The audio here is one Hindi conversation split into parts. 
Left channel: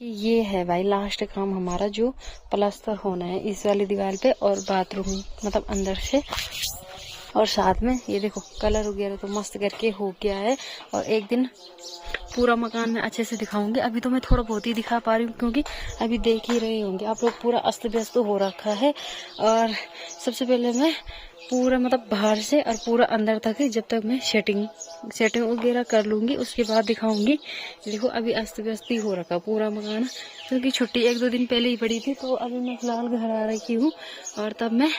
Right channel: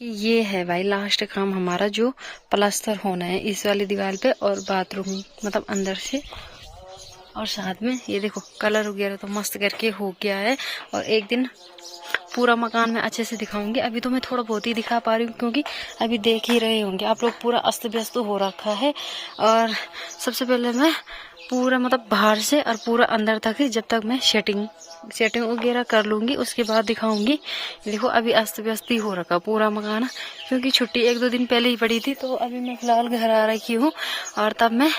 ये है भाई लास्ट काम हमारा, जो प्लास्टर होना है इस वाली दीवार पे और बाथरूम मतलब अंदर से। और साथ में ये देखो कलर वगैरह तो मस्त करके हो गया है। और एक दिन पूरा मकान में अच्छे से दिखाऊंगी। अभी तो मैं थोड़ा बहुत ही दिखा पा रही हूँ क्योंकि अभी देख ही रहे होंगे आप लोग, पूरा अस्त व्यस्त हो रखा है। और सबसे पहले मैं पूरा मतलब बाहर से और पूरा अंदर तक जब तक मैं सेटिंग वगैरह कर लूँगी उसके बाद दिखाऊंगी। देखो अभी अस्त व्यस्त ही हो रखा पूरा मकान, क्योंकि छुट्टी 1-2 दिन पहले ही पड़ी थी। तो अभी मैं फिलहाल घर आ रही हूँ और तब मैं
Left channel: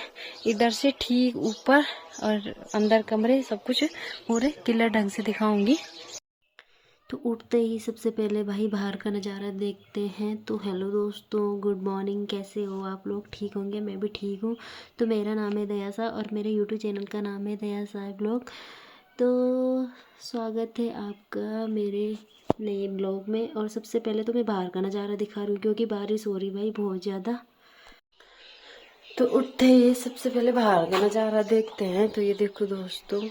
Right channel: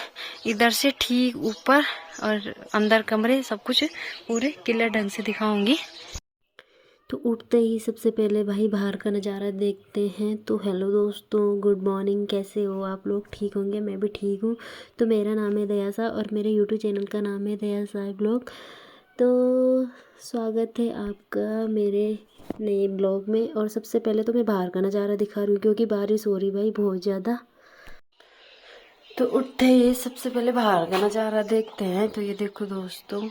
इधर से ठीक ऊपर और अंदर कमरे सब कुछ पूरे क्लियर ढंग से दिखाऊंगी। तो उठते ही सबसे पहले भाई बाहर का नज़ारा देखते हैं। तो हेलो दोस्तों, गुड मॉर्निंग। कैसे हो आप लोग? ठीक होंगे, मैं भी ठीक हूँ। तो मेरा नाम है दयासा और मेरे यूट्यूब चैनल का नाम है दयासा ब्लॉग। तो स्वागत है आपका मेरे नए ब्लॉग में। और सबसे पहले तो मैं बाहर का नज़ारा दिखा रही हूँ क्योंकि बारिश हो रही भाई बहुत ज़्यादा। तो उठते ही सबसे पहले बाहर का नज़ारा देखते हैं। तो ये देखो दोस्तों,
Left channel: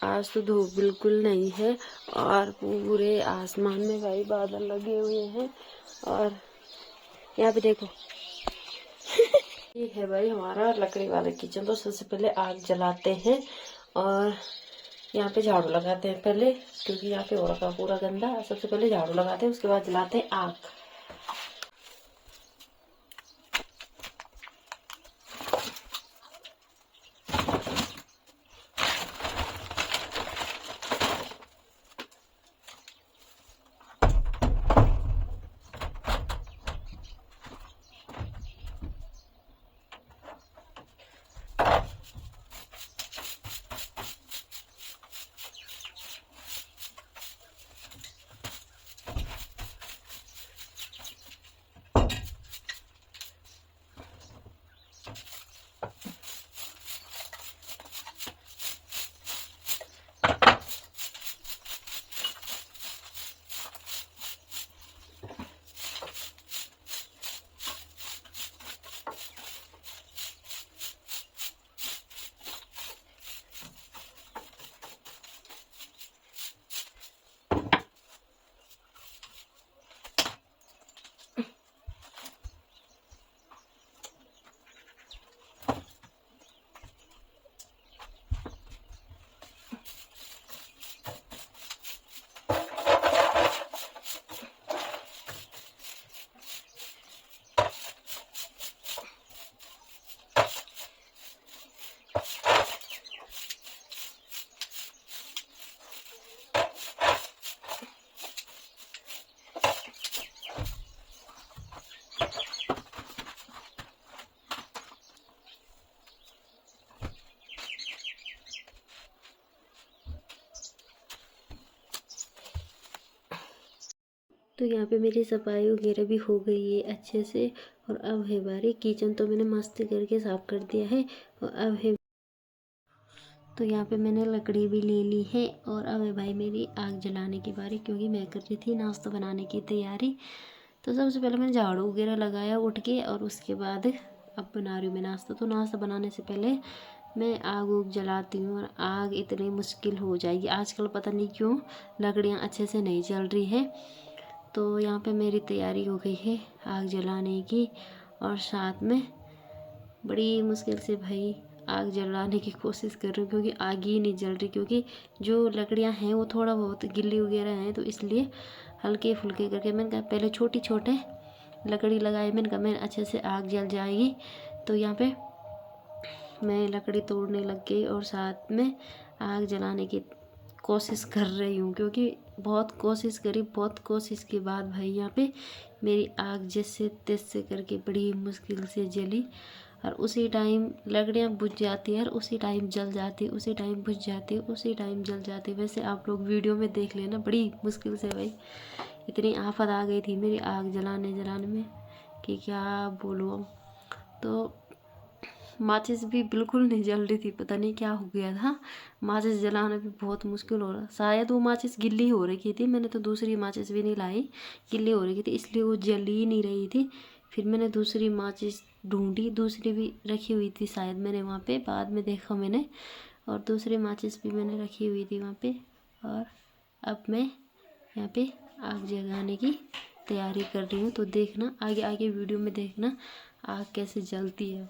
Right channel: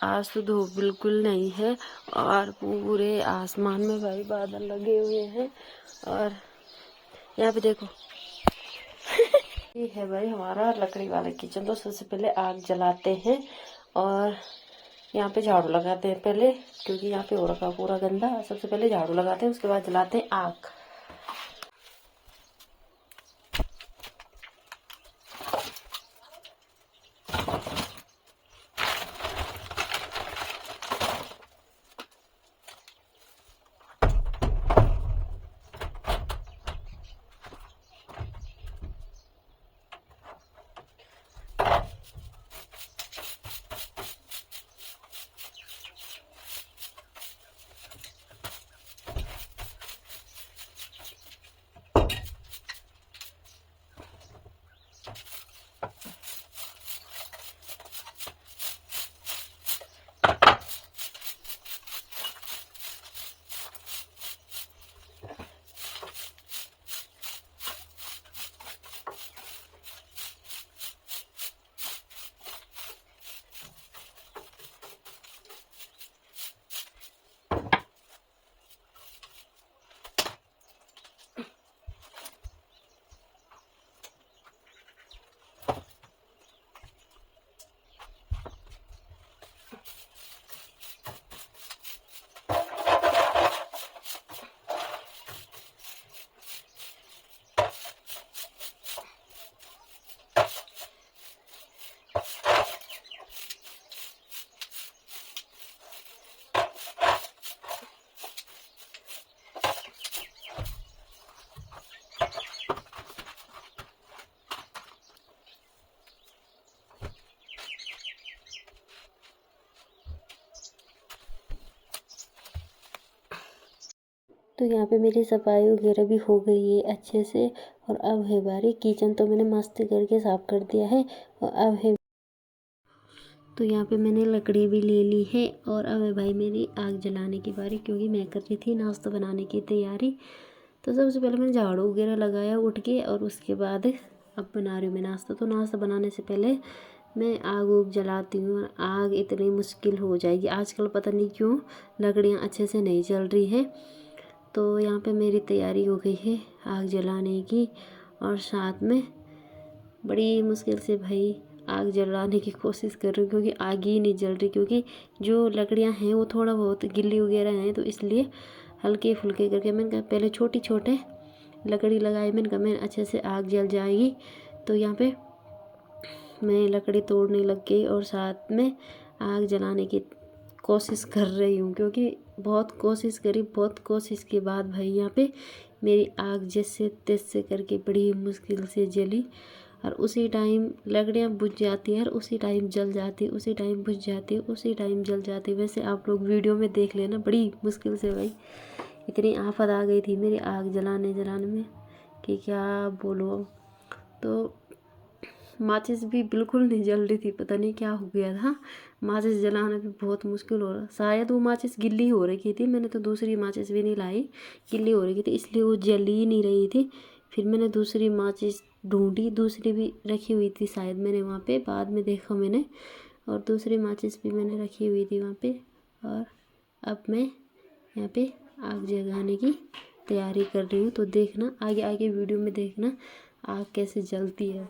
आज तो धूप बिल्कुल नहीं है और पूरे आसमान में भाई बादल लगे हुए हैं। और यहाँ पे देखो ये है भाई हमारा लकड़ी वाला किचन। तो सबसे पहले आग जलाते हैं और यहाँ पे झाड़ू लगाते हैं पहले, क्योंकि यहाँ पे हो रखा पूरा गंदा। सबसे पहले झाड़ू लगाते हैं, उसके बाद जलाते हैं आग। तो यहाँ पे मेरी सफाई वगैरह भी हो गई है अच्छे से। और अब है बारी किचन। तो मैंने मस्त करके साफ कर दिया है और अब है, तो यहाँ पे मैंने लकड़ी भी ले ली है। और अब है भाई मेरी आग जलाने की बारी, क्योंकि मैं कर रही थी नाश्ता बनाने की तैयारी। तो सबसे पहले मैंने झाड़ू वगैरह लगाया उठ के, और उसके बाद अब बना रही हूँ मैं नाश्ता। तो नाश्ता बनाने से पहले मैं आग उग जलाती हूँ। और आग इतनी मुश्किल हो जाएगी आजकल, पता नहीं क्यों लकड़ियाँ अच्छे से नहीं जल रही है। तो यहाँ पे मेरी तैयारी हो गई है आग जलाने की। और साथ में बड़ी मुश्किल से भाई आग जलाने की कोशिश कर रही हूँ, क्योंकि आग ही नहीं जल रही। क्योंकि जो लकड़ियाँ हैं वो थोड़ा बहुत गिल्ली वगैरह हैं, तो इसलिए हल्के फुल्के करके मैंने कहा पहले छोटी छोटे लकड़ी लगाई। मैंने कहा मैं अच्छे से आग जल जाएगी। तो यहाँ पे मैं लकड़ी तोड़ने लग गई और साथ में आग जलाने की कोशिश कर रही हूँ, क्योंकि बहुत कोशिश करी। बहुत कोशिश के बाद भाई यहाँ पे मेरी आग जैसे तैसे करके बड़ी मुश्किल से जली। और उसी टाइम लकड़ियाँ बुझ जाती हैं और उसी टाइम जल जाती, उसी टाइम बुझ जाती, उसी टाइम जल जाती। वैसे आप लोग वीडियो में देख लेना, बड़ी मुश्किल से भाई इतनी आफत आ गई थी मेरी आग जलाने में कि क्या बोलो। तो माचिस भी बिल्कुल नहीं जल रही थी, पता नहीं क्या हो गया था। माचिस जलाना भी बहुत मुश्किल हो रहा, शायद वो माचिस गिल्ली हो रखी थी। मैंने तो दूसरी माचिस भी नहीं लाई, गिल्ली हो रही थी इसलिए वो जल ही नहीं रही थी। फिर मैंने दूसरी माचिस ढूंढी, दूसरी भी रखी हुई थी शायद मैंने वहाँ पे, बाद में देखा मैंने। और दूसरी माचिस भी मैंने रखी हुई थी वहाँ पे। और अब मैं यहाँ पे आग जलाने की तैयारी कर रही हूँ। तो देखना आगे आगे वीडियो में, देखना आग कैसे जलती है।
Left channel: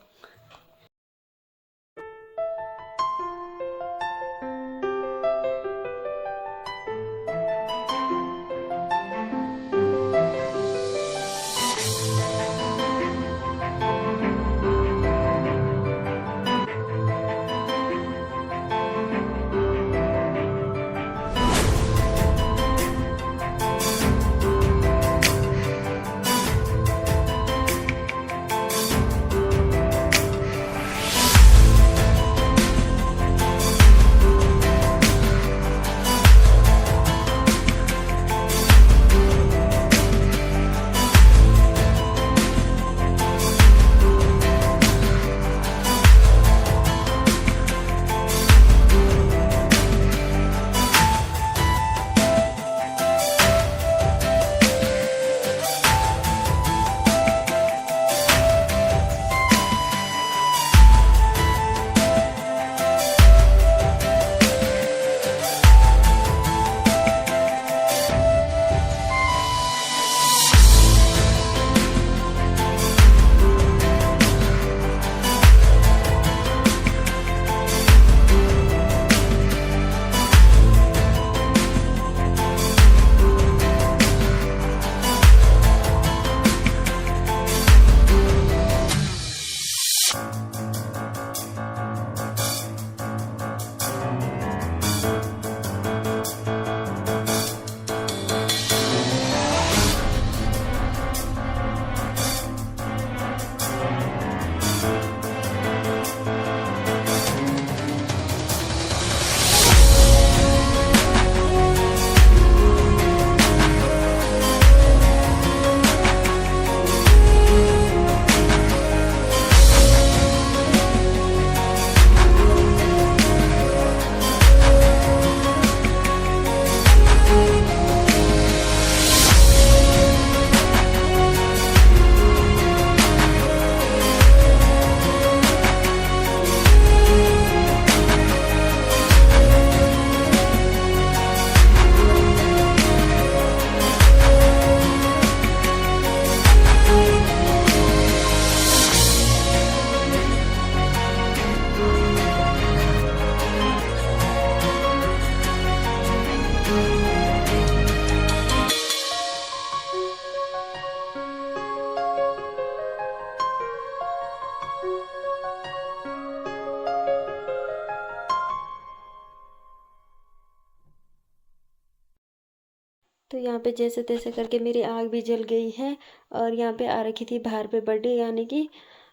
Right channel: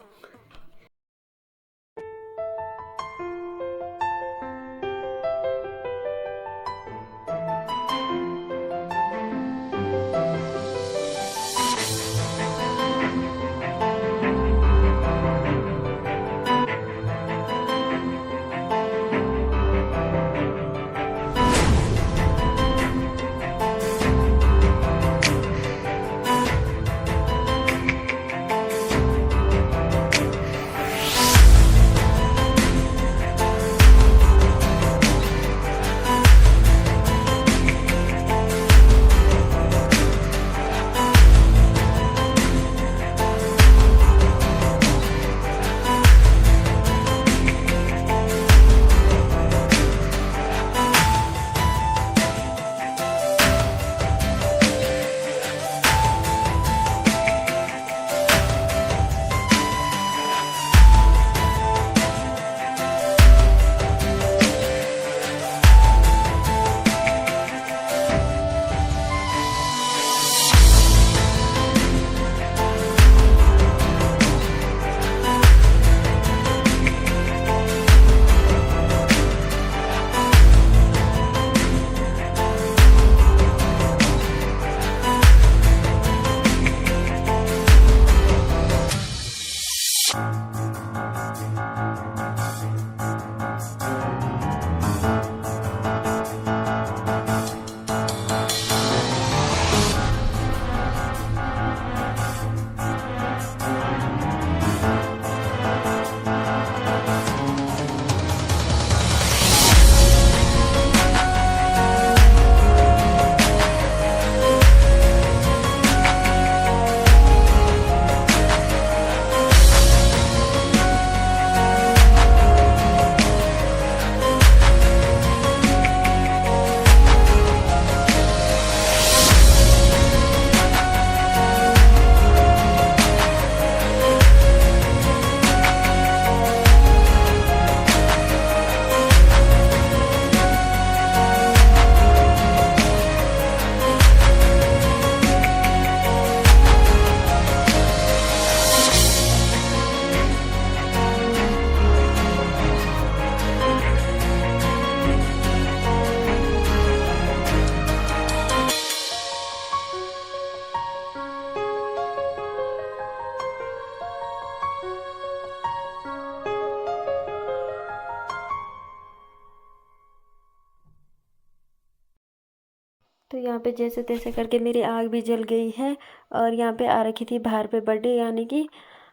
तो यहाँ पे जैसे तैसे करके मेरी आग भी जल गई है। और यहाँ पे आ रखी थी बाहर पे बर्थडे, यानी कि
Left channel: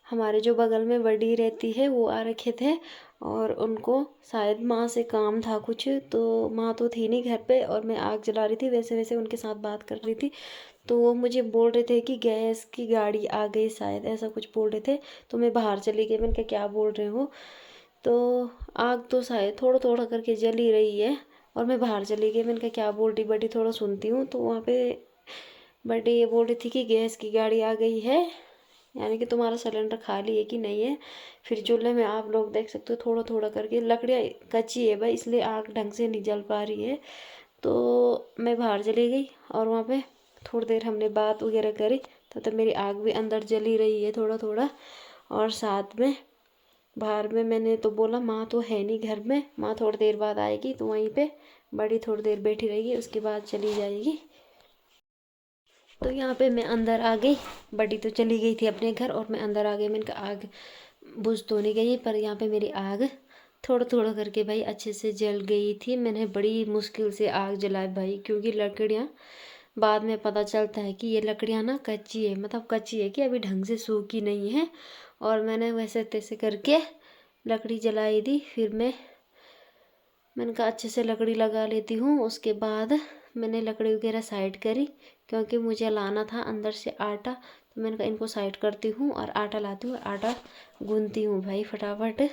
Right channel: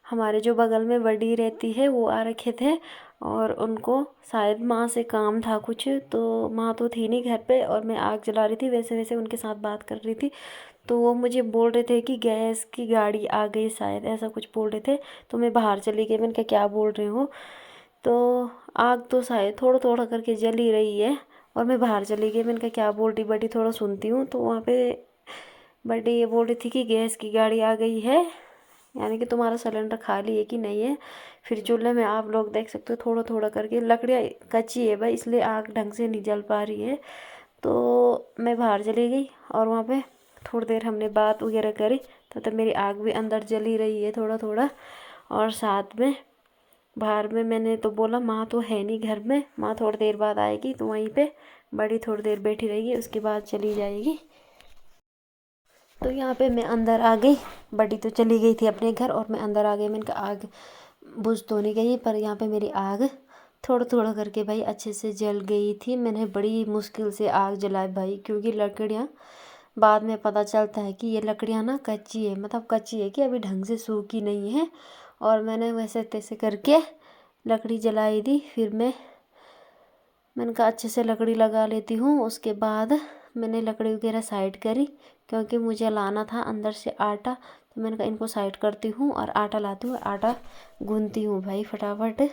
हमारे जो बगल में बड़ी रहती है वो आ रखे थे। और उनको शायद माँ से काम था कुछ, तो माँ तो थी नहीं घर पे और मैं आग जला रही थी, वैसे वैसे उनके साथ बात कर रही थी। तो वो मुझे बोल रहे थे कि गैस की गाड़ी आ गई, शायद ऐसा कुछ बोल रहे थे। तो मैं बाहर चली गई, मैंने कहा क्या बोल रहे हो। तो आग तो शायद थोड़ा थोड़ा करके जल ही रही है। और मैं बाहर चली गई, मैंने कहा क्या बोल रही बड़ी, थोड़ा सुनती हूँ। तो वहाँ पे बड़ी ये बोल रही थी कि गैस की गाड़ी आ गई है, यानी कि तुम्हारा सिलेंडर खाली है कि नहीं है। फिर चूल्हे में आप लोग देख सकते हो थोड़ा थोड़ा करके, लकड़ियाँ कच्ची है भाई, इसलिए आग ढंग से नहीं जल पा रही है। तो मैं बाहर चली गई और वहाँ पे थोड़ी देर हमने बात वगैरह करी। तो मेरी आग भी अंदर जल ही रही है थोड़ा थोड़ा। और साथ में बाहर में मैंने तो बोला माँ तो है नहीं घर में, माँ थोड़ी देर बाद आएगी। तो वहीं पे बड़ी थोड़ी देर बैठी रहेगी, उसके बाद चली जाएगी। तो यहाँ पे मैं अंदर आ गई, बड़ी तो चली गई थी अपने घर और मैं अंदर आ गई। मैंने कहा आग बुझ तो नहीं गई, पर यहाँ पे मेरी आग थोड़ा थोड़ा करके भाई अच्छे से जल गई थी। मैंने बड़ी मुश्किल से आग जलाई भाई, क्योंकि लकड़ियाँ बाद में पता चलता है कि ये लकड़ियाँ ना कच्ची है, मतलब कच्ची है कि अभी ढंग से सूखी नहीं है। और मैंने वैसे तैसे करके लकड़ी जलाई दी। फिर मैंने कहा अच्छे से लकड़ी लगा लेती हूँ। उसके बाद मैंने लकड़ी वगैरह साइड करी, क्योंकि मुझे लाना था अंदर से आटा। तो मैंने कहा इनको साइड करती हूँ और आटा लाती हूँ, आटा गूंथती हूँ भाई फटाफट।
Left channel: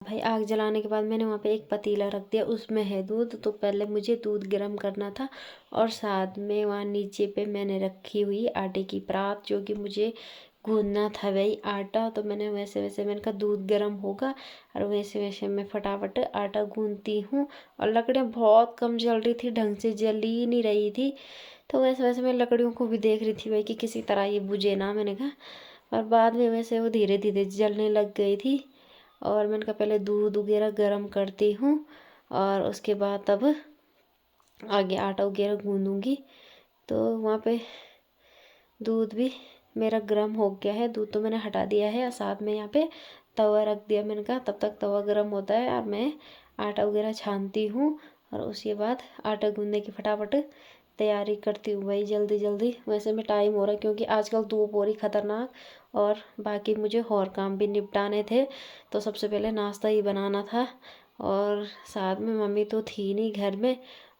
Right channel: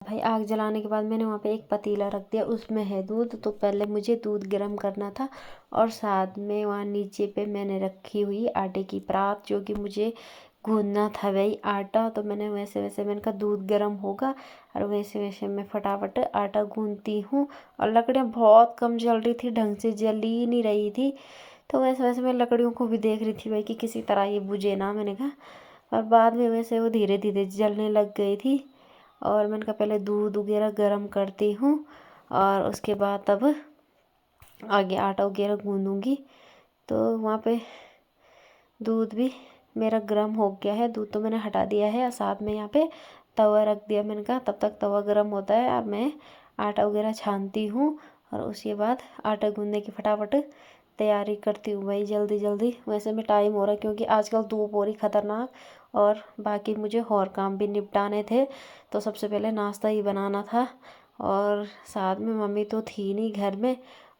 भाई आग जलाने के बाद मैंने वहाँ पे एक पतीला रख दिया, उसमें है दूध। तो पहले मुझे दूध गर्म करना था और साथ में वहाँ नीचे पे मैंने रखी हुई आटे की परात, जो कि मुझे गूंदना था वही आटा। तो मैंने वैसे वैसे मैंने कहा दूध गर्म होगा और वैसे वैसे मैं फटाफट आटा गूंदती हूँ। और लकड़ियाँ बहुत कम जल रही थी, ढंग से जल ही नहीं रही थी। तो वैसे वैसे मैं लकड़ियों को भी देख रही थी भाई कि किसी तरह ये बुझे ना, मैंने कहा। और बाद में वैसे वो धीरे धीरे जलने लग गई थी। और मैंने कहा पहले दूध वगैरह गर्म करती हूँ और उसके बाद तब आगे आटा वगैरह गूंदूँगी। तो वहाँ पे दूध भी मेरा गर्म हो गया है, दूध तो मैंने हटा दिया है और साथ में यहाँ पे तवा रख दिया। मैंने कहा तब तक तवा गर्म होता है और मैं आटा वगैरह छानती हूँ और उसके बाद आटा गूंदने की फटाफट तैयारी करती हूँ भाई जल्दी जल्दी। वैसे में टाइम हो रहा है क्योंकि आजकल धूप हो रही खतरनाक और बाकी मुझे और काम भी निपटाने थे। तो सबसे पहले नाश्ता ही बनाना था और साथ में मम्मी तो थी नहीं घर में।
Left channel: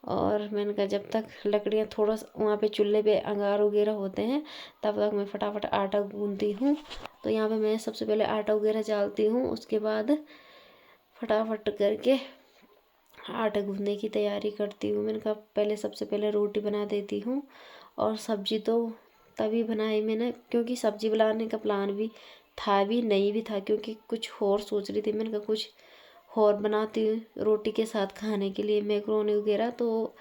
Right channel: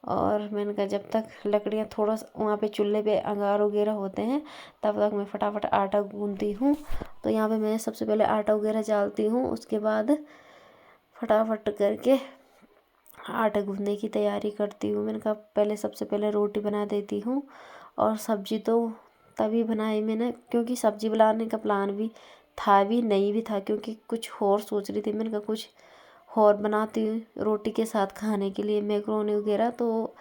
और मैंने कहा जब तक लकड़ियाँ थोड़ा वहाँ पे चूल्हे पे अंगार वगैरह होते हैं तब तक मैं फटाफट आटा गूंदती हूँ। तो यहाँ पे मैं सबसे पहले आटा वगैरह डालती हूँ, उसके बाद फटाफट करके आटा गूंदने की तैयारी करती हूँ। मैंने कहा पहले सबसे पहले रोटी बना देती हूँ और सब्जी तो तभी बनाई मैंने क्योंकि सब्जी बनाने का प्लान भी था भी नहीं भी था, क्योंकि कुछ और सोच रही थी। मैंने कहा कुछ और बनाती हूँ रोटी के साथ खाने के लिए मैक्रोनी वगैरह। तो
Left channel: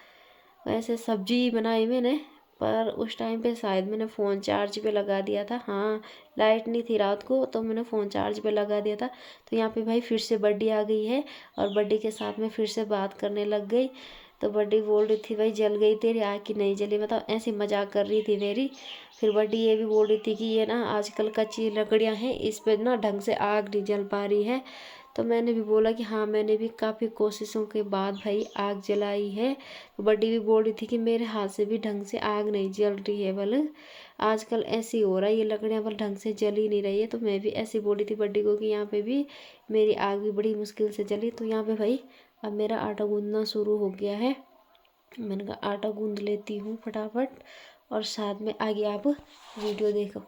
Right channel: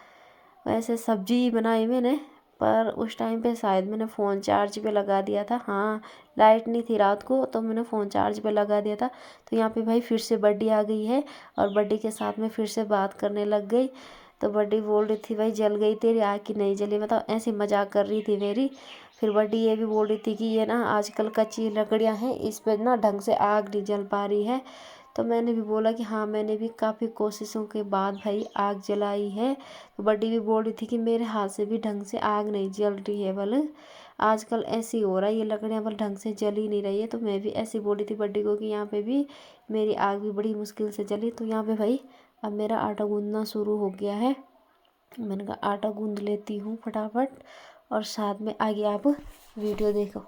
वैसे सब्जी बनाई मैंने, पर उस टाइम पे शायद मैंने फ़ोन चार्ज पे लगा दिया था। हाँ, लाइट नहीं थी रात को तो मैंने फ़ोन चार्ज पे लगा दिया था। तो यहाँ पे भाई फिर से बड्डी आ गई है और बड्डी के साथ में फिर से बात करने लग गई। तो बड्डी बोल रही थी भाई जल गई तेरी आग की नहीं जली, मतलब ऐसी मजाक कर रही थी मेरी। फिर बड्डी ये भी बोल रही थी कि ये ना आजकल कच्ची लकड़ियाँ हैं, इस पर ना ढंग से आग नहीं जल पा रही है। तो मैंने भी बोला कि हाँ मैंने भी काफ़ी कोशिशों के बाद भाई आग जलाई है। तो बड्डी भी बोल रही थी कि मेरे हाथ से भी ढंग से आग नहीं जल रही है, बल आजकल ऐसी हो रहा है, ये लकड़ियाँ बल ढंग से जल ही नहीं रही है। तो मैं भी ऐसी बोल रही थी बड्डी को कि यहाँ पे भी मेरी आग भी बड़ी मुश्किल से जली। तो यहाँ पे भाई अब मेरा आटा गूंदना शुरू हो गया है। मैंने कहा आटा गूंद लेती हूँ फटाफट और साथ में आगे आप वीडियो देखो।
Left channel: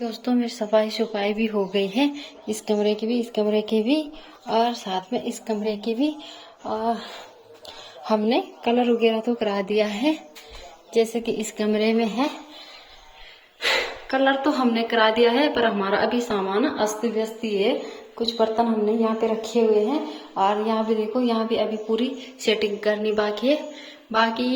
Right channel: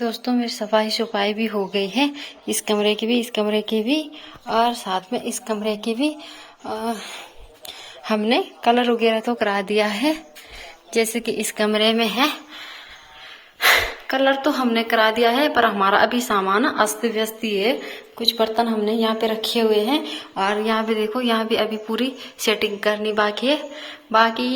दोस्तों मेरी सफाई शुफाई भी हो गई है, इस कमरे की भी, इस कमरे की भी, और साथ में इस कमरे की भी। और हमने कलर वगैरह तो करा दिया है, जैसे कि इस कमरे में है कलर तो हमने करा दिया है, पर हमारा अभी सामान अस्त व्यस्त ही है। कुछ बर्तन हमने यहाँ पे रखे हुए हैं, और यहाँ पे देखो, यहाँ भी अभी पूरी सेटिंग करनी बाकी है। बाकी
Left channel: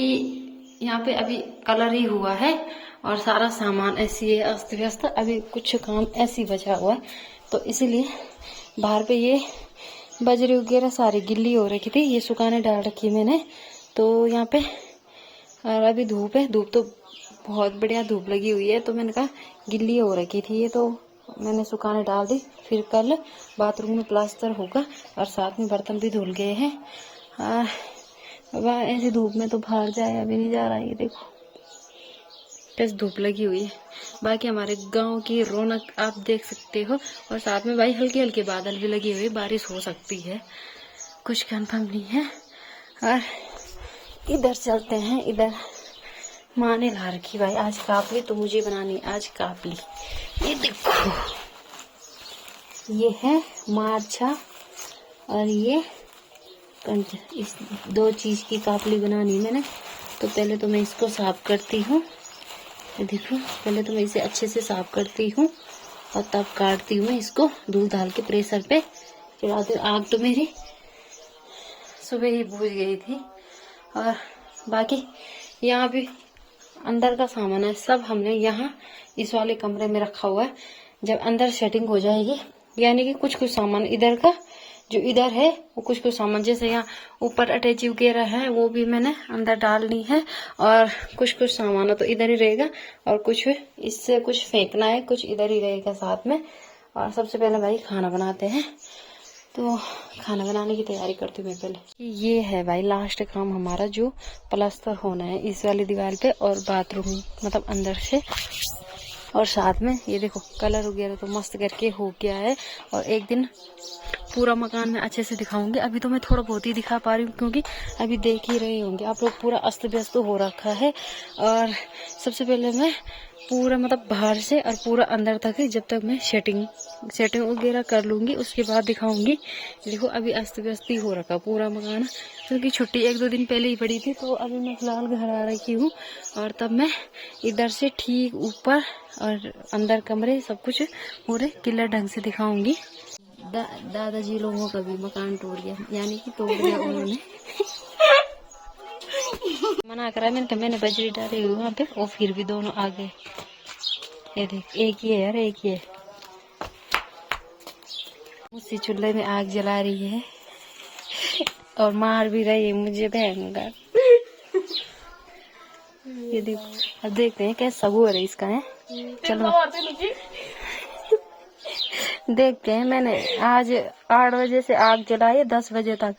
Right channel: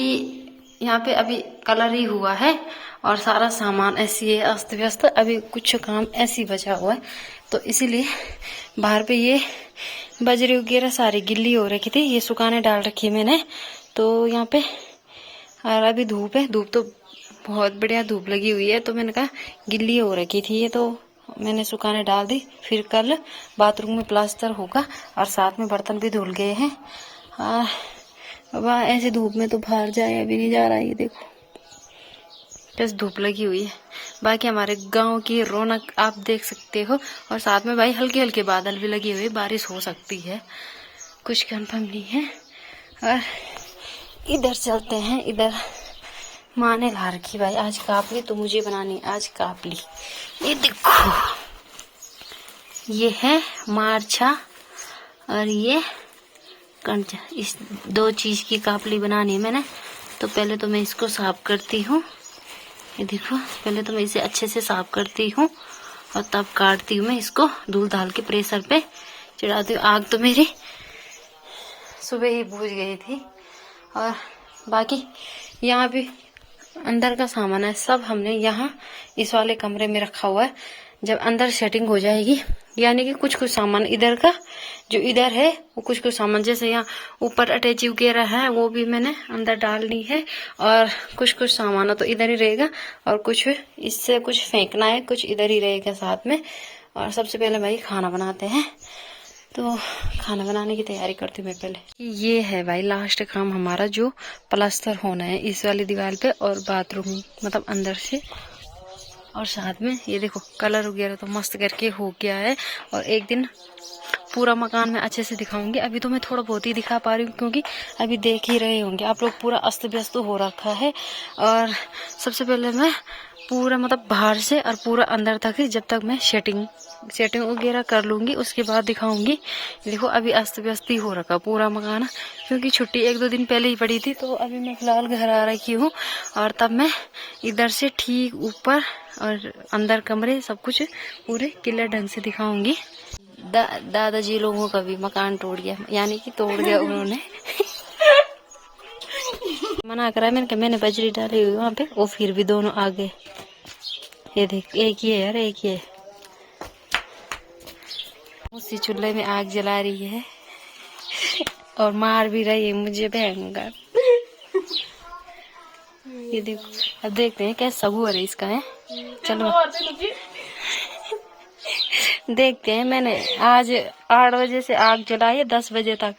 यहाँ पे अभी कलर ही हुआ है, और सारा सामान ऐसी है अस्त व्यस्त। अभी कुछ काम ऐसी बचा हुआ है, तो इसीलिए बाहर पे ये बजरी वगैरह सारी गिल्ली हो रखी थी, ये सुखाने डाल रखी है मैंने तो यहाँ पे। और अभी धूप है, धूप तो बहुत बढ़िया धूप लगी हुई है, तो मैंने कहा गिल्ली हो रखी थी ये, तो मैंने सुखाने डाल दी। फिर कल बाथरूम में प्लास्टर होगा, और साथ में बर्तन भी धुल गए हैं। अब ऐसी धूप में तो बाहर जाए अभी नहीं जा रहा है, ये देखो कैसे धूप लगी हुई है। बाकी हमारे गांव की रौनक आप देख सकते हो, और साथ में भाई हल्के हल्के बादल भी लगे हुए, बारिश हो सकती है, कुछ कंफर्म नहीं है। और इधर चलते हैं, इधर माँ ने ला रखी भाई आज कापली, तो मुझे बनानी आज कापली। ये देखो, ये है मारछा और ये कंचा, इस दो चीज की कापली बनानी है मैंने। तो पहले तो मैं इसको साफ करती हूँ, ये देखो, पहले तो मैं इसे अच्छे से साफ करती हूँ, और तब काटती हूँ मैं इसको। धूल डाल के प्रेशर पे चढ़ाती हूँ। आग तो मेरी सुबह ही बुझ गई थी। और बाकी यहाँ भी अंदर का सामान है, सब हमने यहाँ इस वाले कमरे में रखा हुआ है। जब अंदर सेटिंग हो जाएगी, यानी कि कुछ कुछ सामान इधर का जो इधर है, वो कुछ कुछ सामान जैसे यहाँ ऊपर अटैची वगैरह है, वो भी मैंने अंदर डालनी है। और कुछ कुछ सामान तो इधर ही रहेगा, और कुछ इससे कुछ फेंकना है, कुछ इधर ही रहेगा साथ में। और सबसे पहले भाई खाना बनाते हैं, तो खाना बनाने की तैयारी करती हूँ मैं पहले। ये है भाई लास्ट काम हमारा, जो प्लास्टर होना है इस वाली दीवार पे और बाथरूम मतलब अंदर से। और साथ में ये देखो कलर वगैरह तो मस्त करके हो गया है, और एक दिन पूरा मकान में अच्छे से दिखाऊंगी। अभी तो मैं थोड़ा बहुत ही दिखा पा रही हूँ, क्योंकि अभी देख ही रहे होंगे आप लोग, पूरा अस्त व्यस्त हो रखा है। और सबसे पहले मैं पूरा मतलब बाहर से और पूरा अंदर तक, जब तक मैं सेटिंग वगैरह कर लूंगी उसके बाद दिखाऊंगी। देखो अभी अस्त व्यस्त ही हो रखा पूरा मकान, क्योंकि छुट्टी 1-2 दिन पहले ही पड़ी थी। तो अभी मैं फिलहाल घर आ रखी हूँ, और तब मैं इधर से ठीक ऊपर और अंदर कमरे सब कुछ पूरे क्लियर ढंग से दिखाऊंगी। दादाजी लोगों का भी मकान टूट गया, यानी कि तोड़ दिया उन्होंने। मना करा मैंने कहा, मैंने बजरी डाली हुई वहाँ पे, वो फिर भी दोनों आ गए। ये देख, एक ही है यार, एक ही है। उसी चूल्हे में आग जला रही है, और मार भी रही है मुझे भयंकर। ये देखो, अब देखते हैं कैसा सगुर है इसका है। चलो देखते हैं। मैंने आज 8 बजे से आग जलाई है, 10 बजे तक।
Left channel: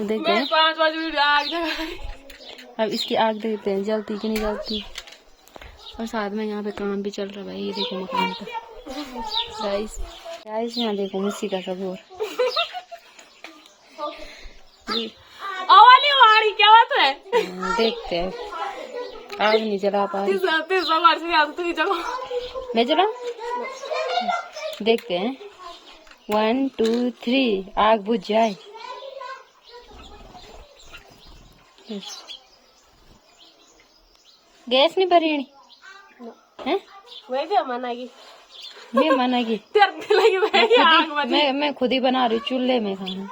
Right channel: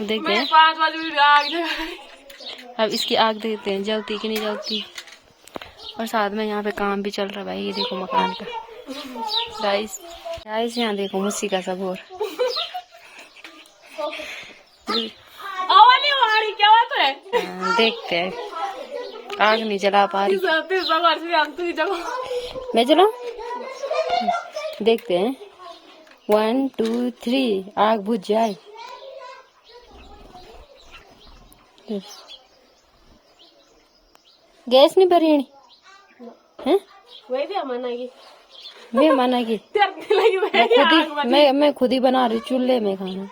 देखते हैं 5 बजे आग जलाई। अब इसकी आग देखते हैं जलती कि नहीं जलती। और साथ में यहाँ पे काम भी चल रहा है भाई, ये देखो मकान का। गाइस यहाँ देखो मुसी का सगोर। क्या बात है? देखते हैं, आग नहीं जला पा रही। मैं चलाऊं? देखते हैं 1 2 3, आग बुझ जाए। गैस नहीं भरी है? मैं मानेगी मैं खुद ही बना रही चूल्हे में खाना।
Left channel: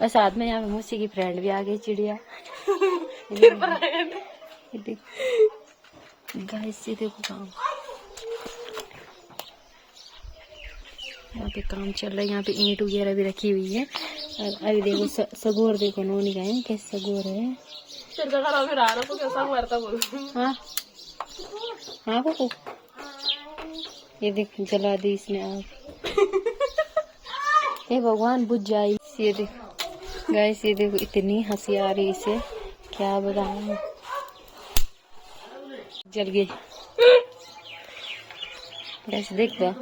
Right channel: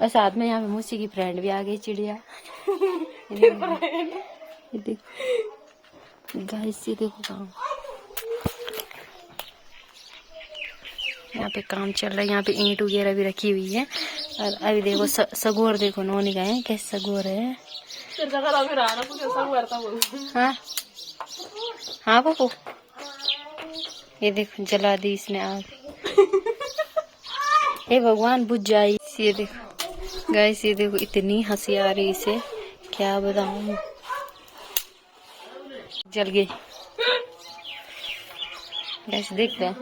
और साथ में यहाँ पे मुझसे की फ्रेंड भी आ गई, चिड़िया। गैस से देखो काम, यहाँ पे काम चल रहा है। यहाँ पे ईंट वगैरह भी रखी हुई है। और अभी देखो सगोर देखो नौनी का है, कैसे सगोर है। हाँ हाँ बाबू, ये देखो जला दी इसने आग। हे भगवान बुझ जाए। ये देखो गाइस, ये देखो इतनी हंसी आ रही इसे, क्या बताऊं। जल गई गाइस, देख लो।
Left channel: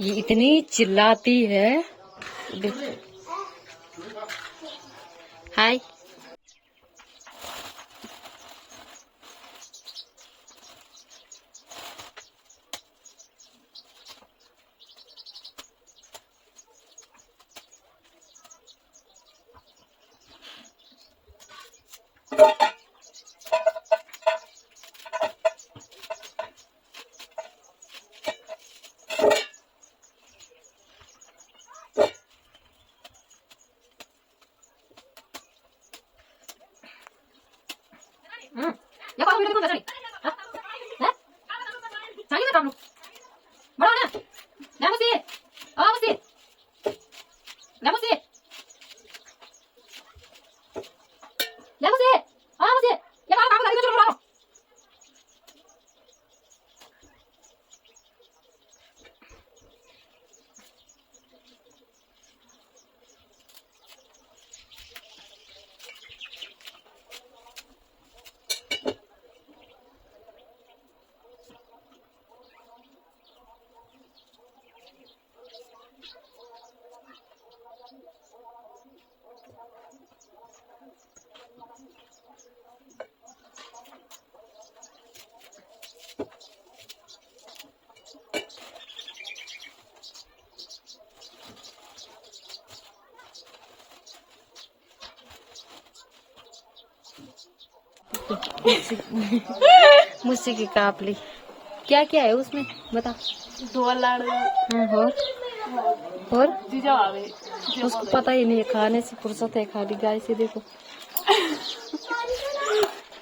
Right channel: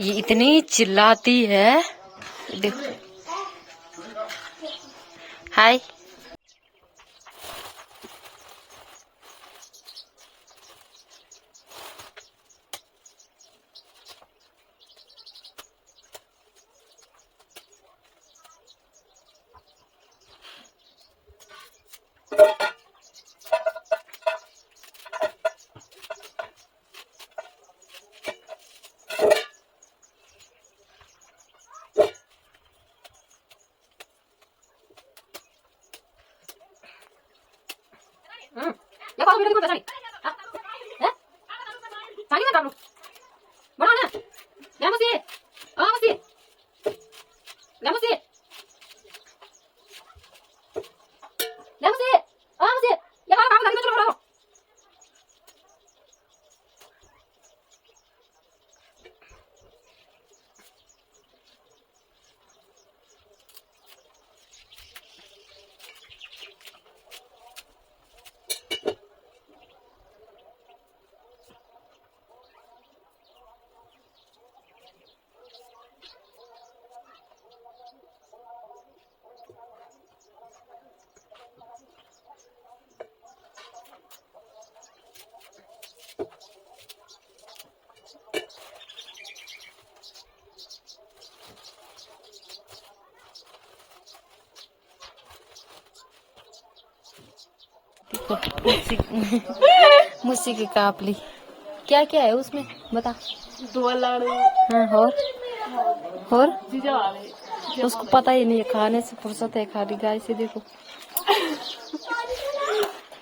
ये इतनी चिल्लाती है, देखो। हाय। Ya kalau udah dibuka tadi. Hah? Eh? Saya nggak tahu. Mana? Nggak mesti. Oh, mesti. Nggak mesti. Nggak mesti. Oh, mesti. Ya kalau kamu tadi itu cuma मुझसे की कापली क्या क्या है उसमें बता। 2 लाड़। हाँ, और जीजा आ गए। उसको पता ही नहीं है, खाने से फुर्सत है खाली। गाय से देखो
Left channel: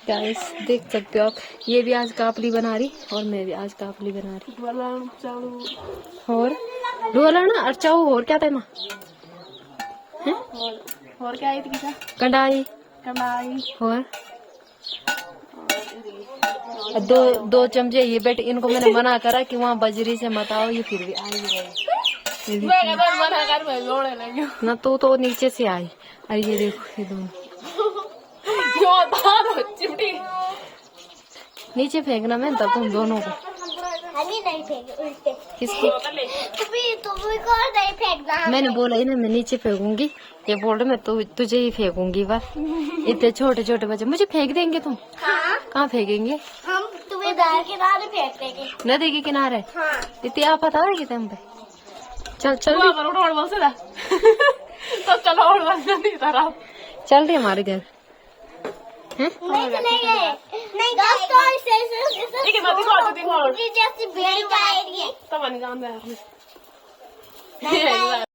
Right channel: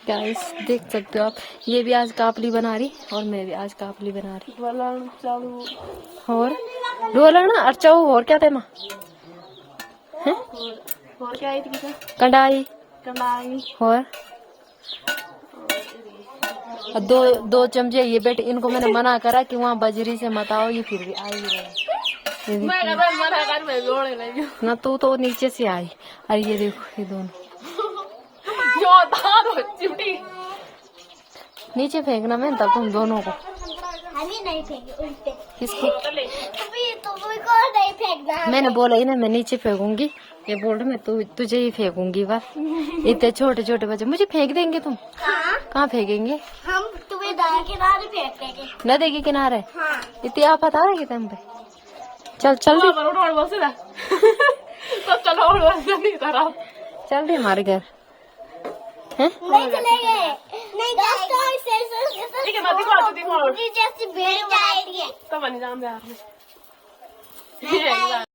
गाइस, देख सकते हो आप, ये भी आज कापली बना रही और मैं भी आज कापली बना रही। और रोलना अर्चाऊ और क्या था माँ? और क्या आई थी किसा? कढ़ाई और दो चमचे ये बेटे, इनको मैंने मना करा कि वहाँ बजरी से मत आओ, ये फिर भी आई रही ना। तो नीचे से आई। और ये देखो ये दोनों नीचे फेंकना मैं तब तुम दोनों को। नहीं फेंक किसको? नहीं फेंकना। मैंने बोला ही ना मैं नीचे फेंकूंगी, ये बोल रहे मैं तुझे ही फेंकूंगी। बस इतने छोटे छोटे बच्चे मुझे फेंक देंगे तुम? हाँ? कहाँ फेंकेंगे? हम तुम्हें नदी किनारे फेंक देंगे। नदी के किनारे? हाँ। इतनी आप पता है कि तुम पे। चल चल चल रही हमारे घर है। जैसी भेड़ बनाती है।